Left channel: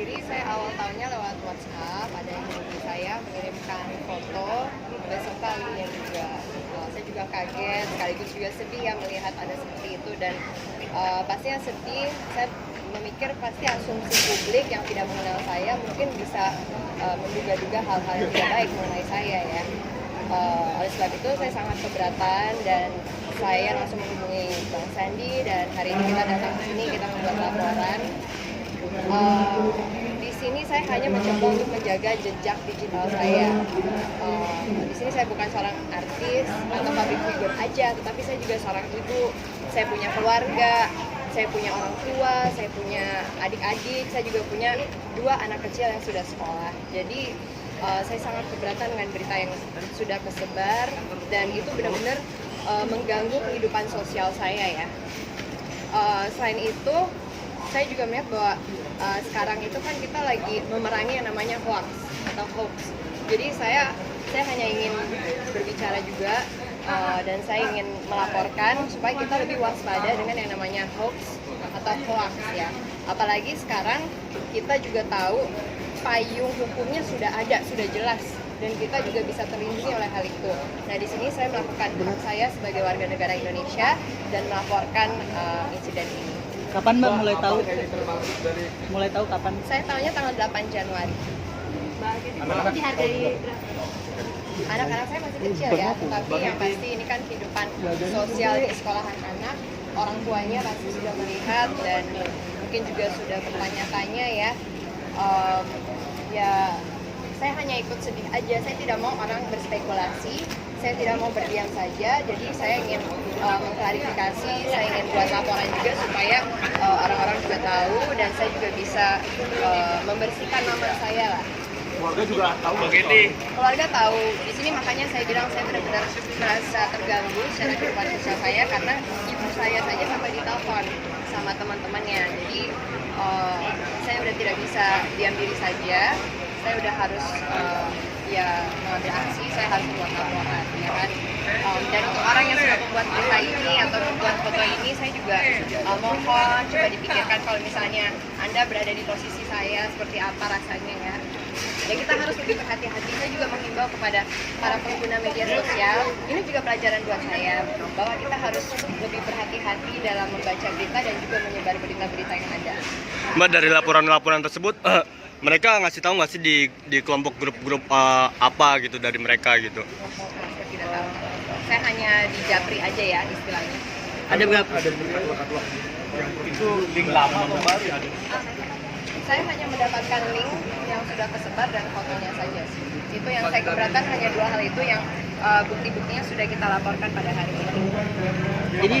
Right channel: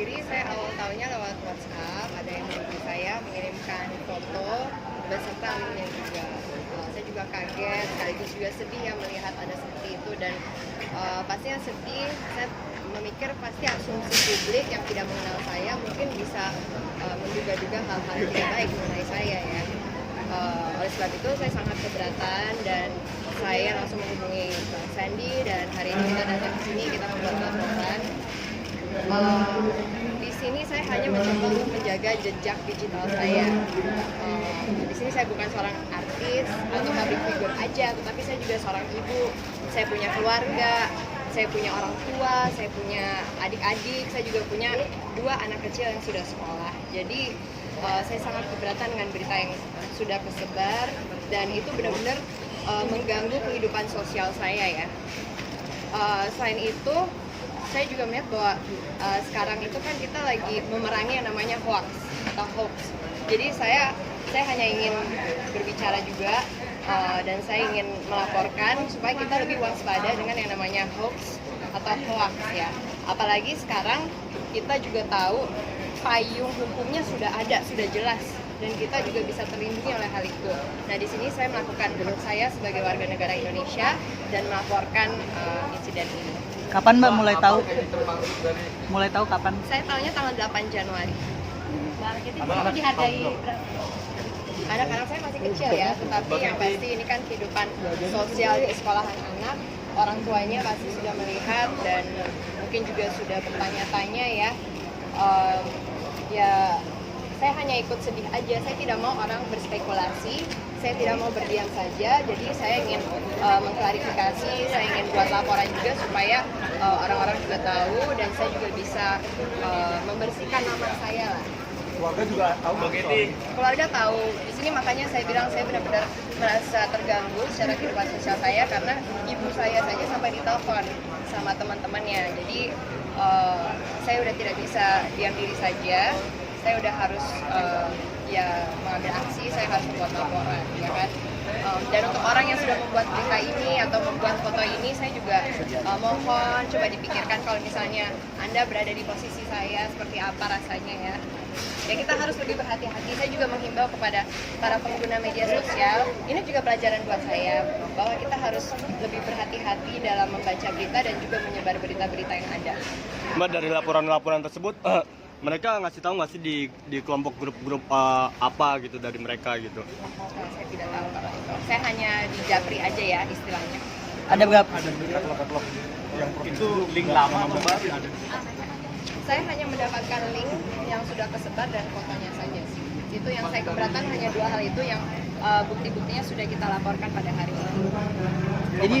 sendiri, saya awal tahunnya lewat WhatsApp, ada yang hubungi saya mengirimkan foto beserta linknya juga. Saya juga kaget, sekaligus juga sedih ya melihat ada seperti itu dan pastinya sedih. Saya memikir pasti asumsi publik yang tidak mengenal saya mungkin bisa menduga-duga hal-hal yang tidak baik mengenai saya ya. Oleh sebab itu saya sangat keberatan dan saya langsung menghubungi Bang Sandi dan hari ini kita datang ke sini, kita membuat laporan. Di sini saya hanya mencoba untuk menjaga jejak digital saya. Di sini saya bukan seorang artis atau public figure aja, tetapi saya juga seorang ibu. Saya punya keluarga, saya punya orang tua, saya punya adik-adik, saya juga punya 2 anak kecil yang sudah sekolah. Jadi saya sangat keberatan dengan berita yang sudah tersebar dan itu benar-benar mengganggu kehidupan sosial saya ya. Selain itu, saya juga melihat bahwa sekarang itu kan kita lagi memerangi yang namanya hoax atau hoax. Jadi saya hanya ingin berbicara juga dan saya ingin melaporkan supaya kita lebih waspada dengan yang namanya hoax atau hoax ya. Apalagi sekarang kita juga tahu payung hukumnya sudah ada, sudah jelas dan kita juga bisa terlindungi oleh hal itu. Nah, di sini saya melakukan hak saya sebagai warga negara Indonesia dan melaporkan insiden ini. Kapan Mbak mulai tahu? Mulai tahu kapan? Saya tahunya tanggal 8 Januari. Anak-anak dihargai Anak-anak saya masih kecil ya, tetapi yang pasti ini kan kehidupan sosial di sekolahan anak, orang tuanya pasti sudah melihat dan mungkin juga sudah bertanya-tanya ya. Ya, saya hanya ikut sedih aja, saya tidak mau orang berspekulasi, saya tidak mau berdiam saja, jadi saya ingin mengklarifikasi, saya ingin buat laporan juga supaya orang-orang juga tahu dan saya juga bisa membersihkan nama saya lah. Keluarga juga tahu. Keluarga tahu, di sini makanya saya bilang saya benar-benar merasa terganggu secara kehidupan sosial saya karena ibu saya saja sampai ditelepon sama teman-temannya, jadi saya udah tidak bisa diam diri saja. Saya udah harus ya mengambil aksi, saya harus membuat laporan, ya kan. Dan untuk orang yang sudah membuat berita ini atau membuat foto ini, saya juga mohon coba dipikirkan kalau misalnya Anda berada di posisi saya, seperti apa rasanya ya. Ya kita harus lebih berhati-hati. Saya juga menghimbau kepada para pengguna media sosial, ini juga pelajaran buat saya, bahwa kita harus lebih berhati-hati dalam membaca berita dan juga menyebar berita-berita yang ada. Mbak, dari laporan-laporan tersebut, mereka ngasih tahu nggak sih di kelompok grup-grup apa gitu dari mereka gitu? Saya tidak tahu. Saya hanya di Japri aja ya istilahnya. Ada berapa? Ada berapa katalog yang itu link lama atau baru yang ada? Saya hanya mendapatkan link yang sudah tersebar dan fotonya saja. Itu yang saya keberatan, hanya 2 hal itu yang bukti-buktinya sudah kita laporkan pada hari ini. Jadi